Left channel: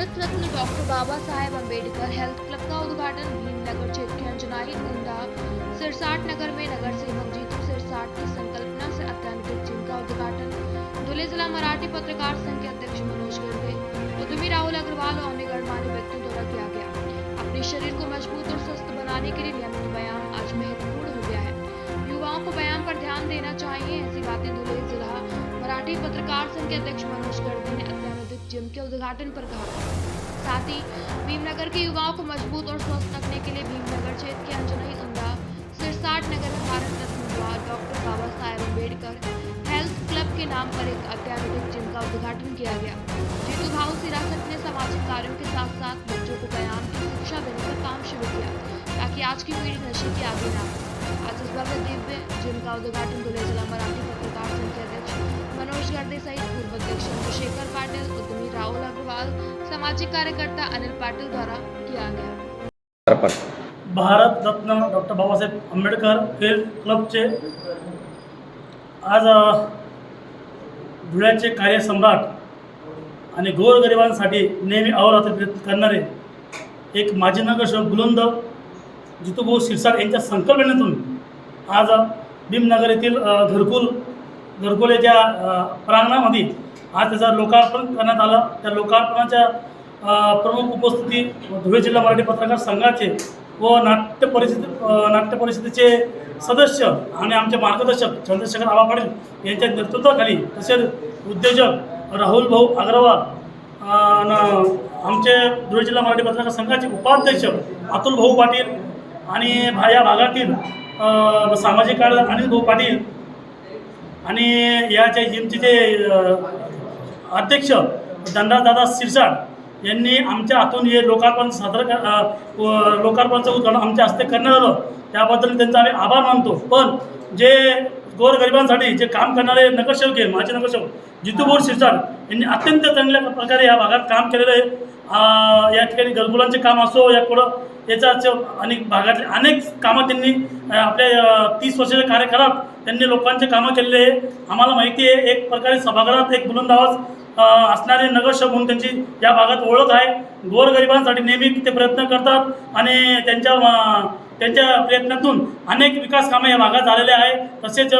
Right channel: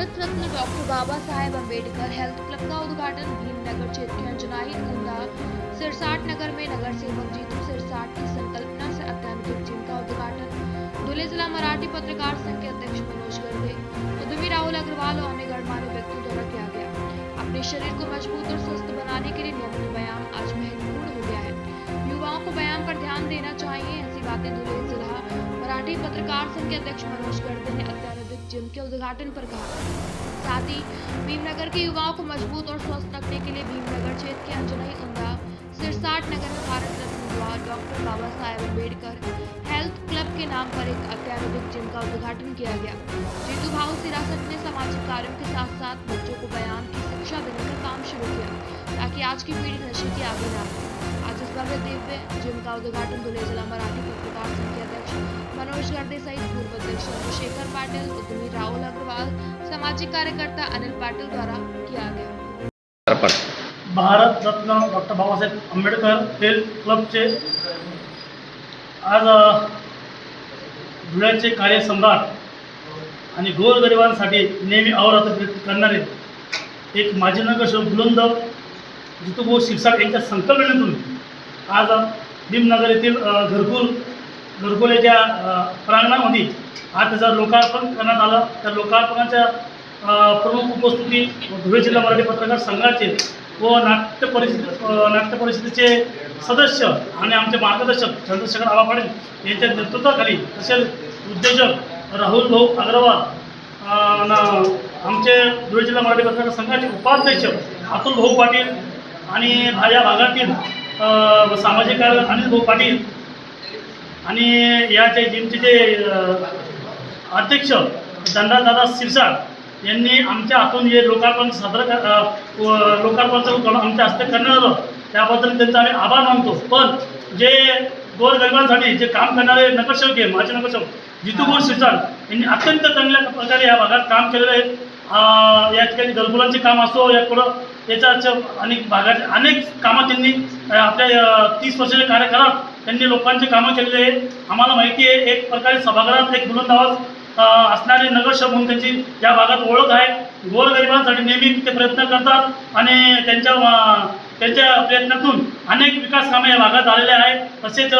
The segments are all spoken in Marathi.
Bharat Ratna doctor Baba Saheb Ambedkar health club का उद्घाटन भीमनगर क्षेत्र के अंजनाई उंदा सिरसाट नगर में नगर सेवक जीतू सिरसाट की संकल्पना से अत्याधुनिक जिम का उद्घाटन धुले जिला मराठी पत्रकार संघ के अध्यक्ष मनोज गर्दे, उद्यमी राहुल अग्रवाल और अन्य गणमान्य व्यक्तियों द्वारा किया गया। अपने शरीर को मजबूत और स्वस्थ बनाने के लिए नियमित व्यायाम आज महत्वपूर्ण हो गया है। युवाओं को व्यायाम पर ध्यान देना चाहिए। ऐसी बातें धुले जिला मराठी पत्रकार संघ के अध्यक्ष मनोज गर्दे ने अत्याधुनिक जिम के उद्घाटन पर कहा। साथ ही भीमनगर के युवाओं को मजबूत और स्वस्थ रखने के लिए भीमनगर क्षेत्र के अंजनाई उंदा सिरसाट नगर में Bharat Ratna doctor Baba Saheb Ambedkar health club के नाम पर एक अत्याधुनिक जिम का उद्घाटन किया गया। जीतू भाऊ सिरासत ने सामाजिक कार्यों के साथ साथ बच्चों को व्यायाम की शिक्षा देने का काम शुरू किया ताकि आज की पीढ़ी नशे की आदी ना हो। आज इस भव्य दिव्य जिम का उद्घाटन धुले जिला मराठी पत्रकार संघ के अध्यक्ष मनोज गर्दे सहित पूर्व अध्यक्ष चंद्रशेखर पाटिल, उद्यमी राहुल अग्रवाल, सामाजिक कार्यकर्ता अनिल पाटिल द्वारा किया गया। भारत रत्न डॉक्टर बाबासाहेब आंबेडकर हेल्थ क्लबचे आज धुळ्याचे कार्यसम्राट आणि गोरगरिबांसाठी नेहमी अहोरात्र प्रयत्न करणारे एक माजी नगरसेवक बुलंद जितूभाऊ सिरसाट यांच्या संकल्पनेतून आज भीमनगर येथील घरकुलेच्या प्रांगणामध्ये आज त्याचं लोकार्पण करण्यात आलं। त्या लोकार्पणाच्या प्रमुख उपस्थिती धुळे जिल्हा मराठी पत्रकार संघाचे व नाट्य परिषदेचे सदस्य आणि आमचे मार्गदर्शक चंद्रशेखर आबा पाटील यांच्या नेतृत्वाखाली तसेच उद्योजक राहुल भाऊ अग्रवाल, आमचे धुळे जिल्हा मराठी पत्रकार संघाचे उपाध्यक्ष अतुल भाऊ पाटील आणि या भागातील सामाजिक कार्य अनिल भाऊ पाटील आणि याच्या जिमचे जे अध्यक्ष धनराजदादा सिरसाट यांनी आमच्या हातून हे लोकार्पण लोकार्पणाचं उद्घाटन आमच्या हस्ते करण्यात आलं। त्याबद्दल त्यांचा आम्ही आभार मानतो। पण जे गोरगरिबांसाठी जे काम करणारे नगरसेवक आहे, माजी नगरसेवक जितूभाऊ सिरसाट यांनी अत्यंत चांगल्या प्रकारे या भागात काम केलेलं आहे। या ठिकाणी घरकुलांचे काम असो या पुढं याच्या अनेक भागातले अनेक कामं त्यांनी आपल्या 30 वर्षाच्या कार्यकाळात त्यांनी लोकांचे कामं केलेले आहे। आम्हाला माहिती आहे एक प्रकारे सभागृहात एक बुलंद आवाज असणारे नगरसेवक म्हणून त्यांची या भागात ओळख आहे। गोरगरिबांसाठी नेहमी ते प्रयत्न करतात आणि त्यांच्या प्रयत्नातून अनेक विकास कामे या भागात झालेले आहे। तसेच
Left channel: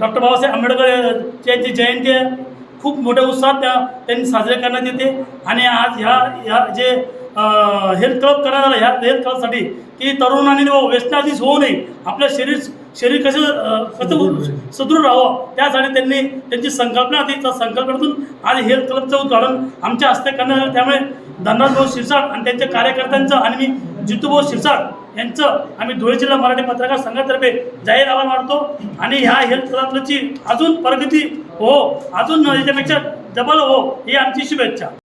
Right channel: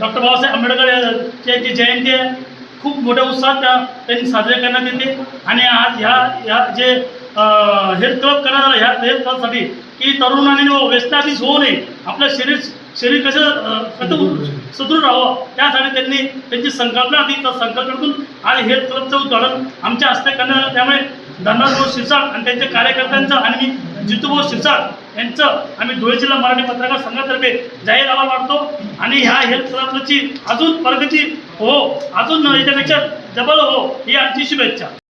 डॉक्टर बाबासाहेब आंबेडकर यांची जयंती खूप मोठ्या उत्साहात त्यांनी साजरे करण्यात येते आणि आज ह्या जे हेल्थ क्लब करण्यात आलं ह्या हेल्थ क्लबसाठी की तरुणांनी व्यसनाधीश होऊ नये, आपलं शरीर कसं सुदृढ राहावं त्यासाठी त्यांनी त्यांची संकल्पना होती। त्या संकल्पनेतून आज हेल्थ क्लबचं उद्घाटन आमच्या हस्ते करण्यात आलं। त्यामुळे धनराजभाऊ सिरसाट आणि त्यांच्या कार्यकर्त्यांचं आणि मी जितूभाऊ सिरसाट यांचं आम्ही धुळे जिल्हा मराठी पत्रकार संघातर्फे जाहीर आभार मानतो आणि ह्या हेल्थ क्लबची अजून प्रगती हो, अजून याच्यापेक्षा डबल हो ही आमची शुभेच्छा।